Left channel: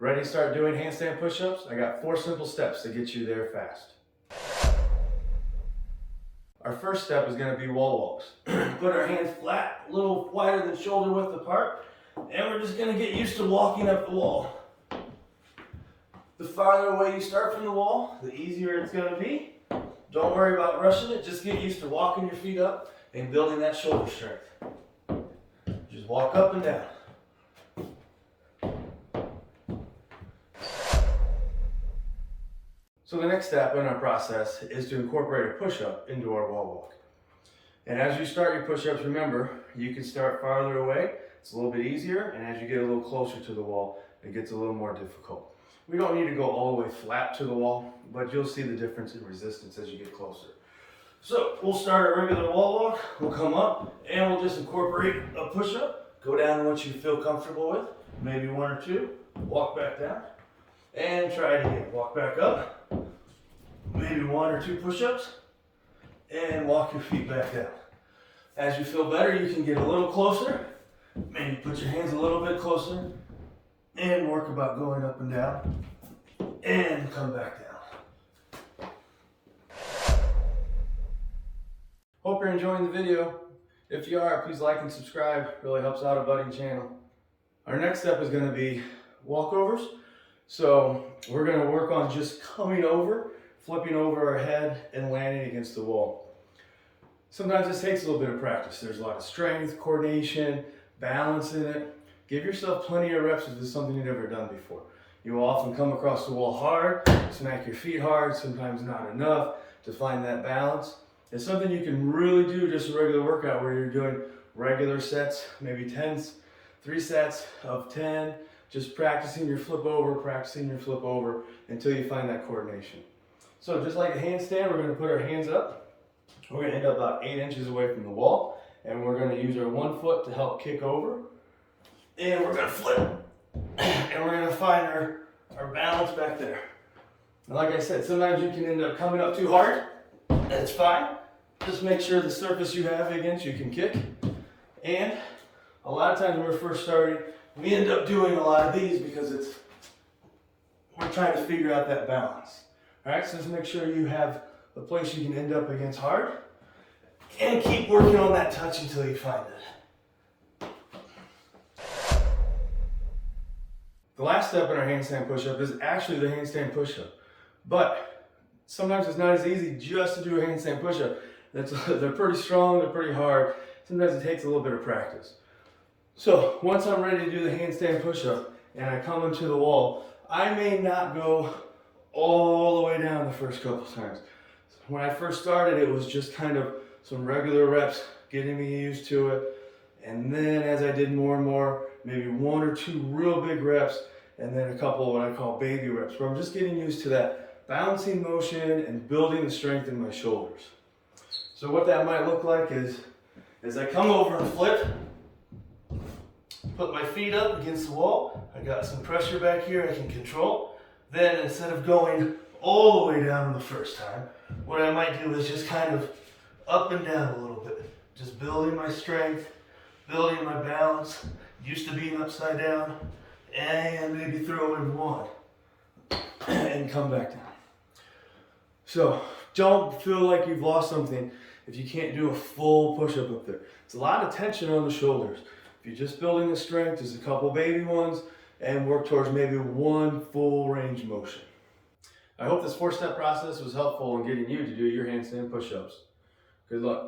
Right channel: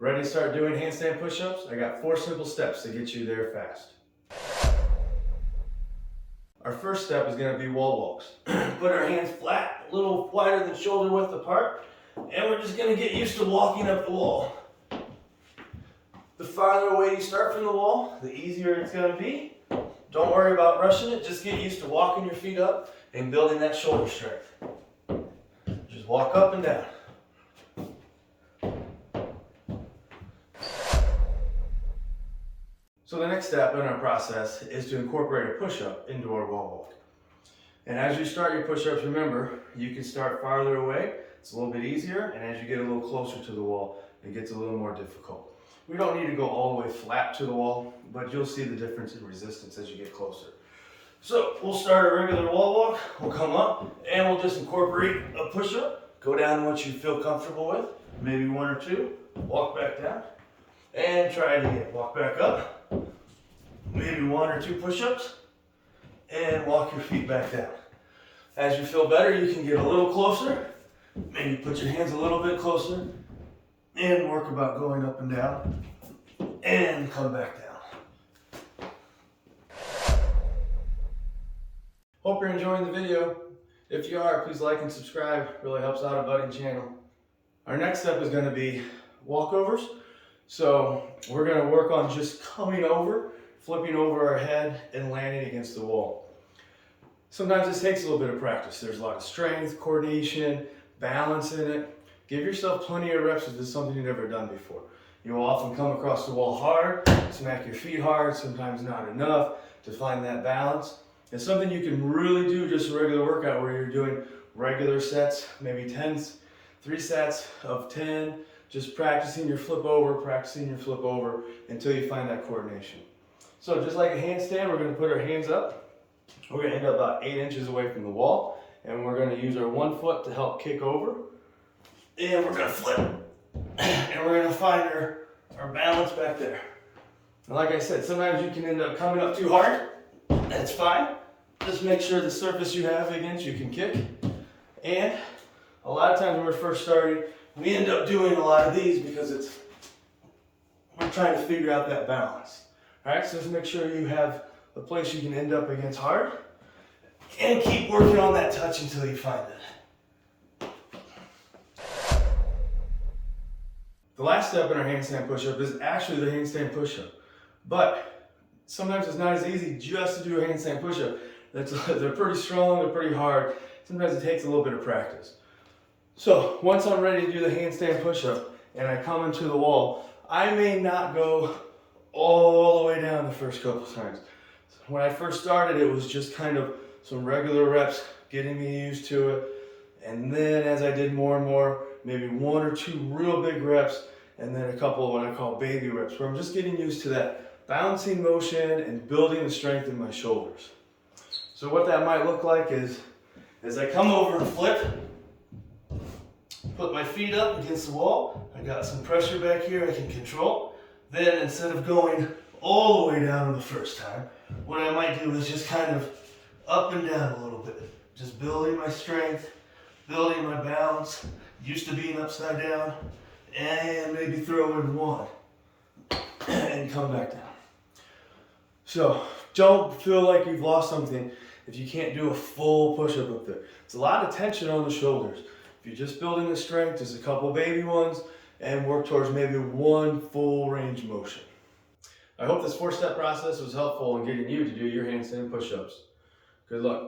Ready to start doing handstand push-ups? I got 4 simple steps to get you there fast. Our first step is going to be wall walks. Put our hands flat, a little wider than shoulder width apart, and we're just going to get used to walking up the wall. The farther away you start from the wall, the easier it's going to be. Don't worry about rushing it, just get used to walking your feet up and building that shoulder strength. Just walk up and down. So the next step in our process is to incorporate a push-up into our wall walk. And as you start your push-ups, remember, you can start farther away. It's a little bit easier, and as you get a little closer to the wall, it gets a little more difficult. We don't need to go all the way flat to the wall, but you'll see the difference in resistance as you get closer. So we'll start our regular wall walk. We'll come up, and we'll just incorporate a push-up. Go down what you feel comfortable with, maybe 1 or 2. Walk back down, and try it again. Walk back up. Maybe 1 or 2 push-ups, and walk your feet back down. As you feel better, you can get a little closer. Maybe put your hands a little bit closer, and work about going up and down, and come back down. Hope you're enjoying the video. If you are, please like and subscribe. It really helps out a budding channel. Our next step is going to be walkovers. So we're going to work on just coming over, flipping over our head, and landing against the wall. Sometimes this takes a little bit of practice. There's a lot of strength, coordination, balance in it. Give yourself plenty of reps if this is something you've never done before. You will often come across the wall hard, smack your feet hard, sometimes not enough to find that balance. It's something you can really do just a regular workout where you're doing regular sets, maybe 3 sets of 10, just practicing your flip over until you find that coordination. So just like a handstand, we're going to put our hands up. We're going to end up about 8 inches away from the wall, and we're going to use our 1 foot to help kick over. And we're going to flip, and we're going to find our balance back there. And like I said, sometimes you can end up coming up too hard. That's fine. Just make sure the surface you have against you can kick. And a lot of times when we're first starting, we end up doing a lot of these because we're trying to figure out that balance. All right, so just make sure you have a place you can end up against hard, and keep working on that touch until you find it. The last step in our handstand push-up is actually the handstand push-up, but sometimes it's not as easy just to do a handstand push-up. They're pretty strong, they're pretty hard. Sometimes it takes a little bit of practice. So once I'm ready to do the handstand push-up and I come into the wall, I may not go all the way down the first couple times. When I first started, it was just kind of some regular reps, getting me used to it. And then as I did more and more, maybe 1 or 2 real big reps, and then a couple of what I call baby reps, where I'm just getting used to that bouncing motion and building the strength in my shoulders. So what that might look like is, as I come over and flip, put my feet up against the wall. I got some pressure back here I can control. Then instead of going all the way down the first time, what I might do is just kind of up and down a little bit. Just building my strength, building my balance, used to being upside down, and maybe throw in 1 and come back down. So don't feel like you've lost something if you can't do a full push-up up there. It's a lot of tension on the shoulders. If you're just building the strength, just a couple baby ones, and work towards maybe 1 full range motion. I hope this 4-step process was helpful in getting you to do your handstand push-ups. Good luck.